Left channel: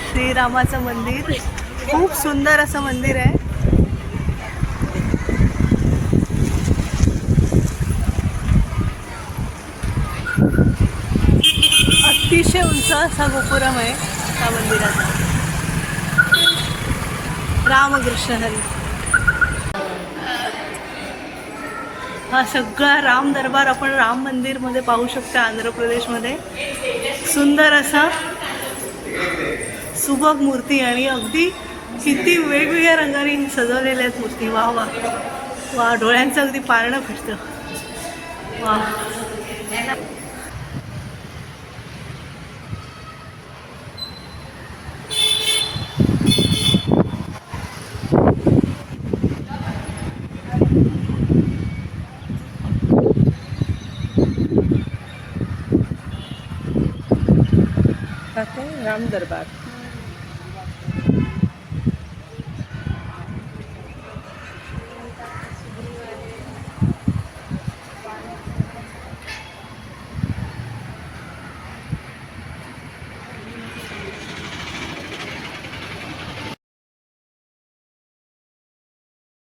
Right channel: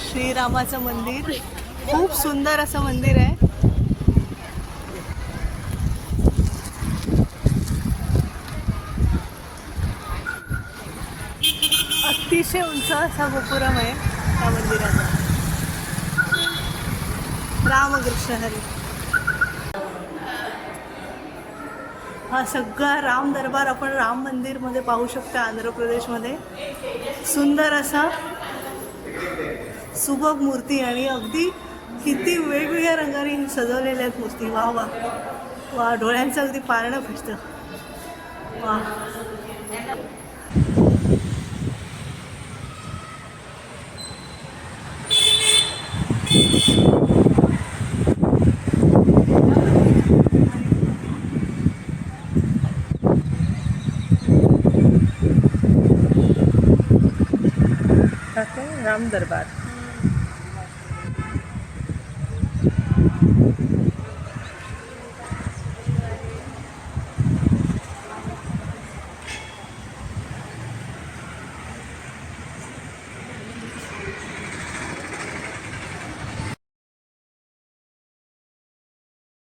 श्रीरामाचं मंदिर, खूप सुंदर असं मंदिर आहे. अतिशय उंच असा गोपुरम आहे त्या मंदिराचा. रामकृष्ण हरी. हा सगळा राम दरबार आपण राम मंदिरमध्ये पाहू शकता आंध्र प्रदेशमध्ये. सुंदर असा सुबक मूर्ती आणि अगदी किती वेगवेगळ्या रंगाने सजवलेल्या आहेत मूर्ती. वा वा वा, डोळ्यांचं अगदी पारणं फिरतं. वा. राम दरबार.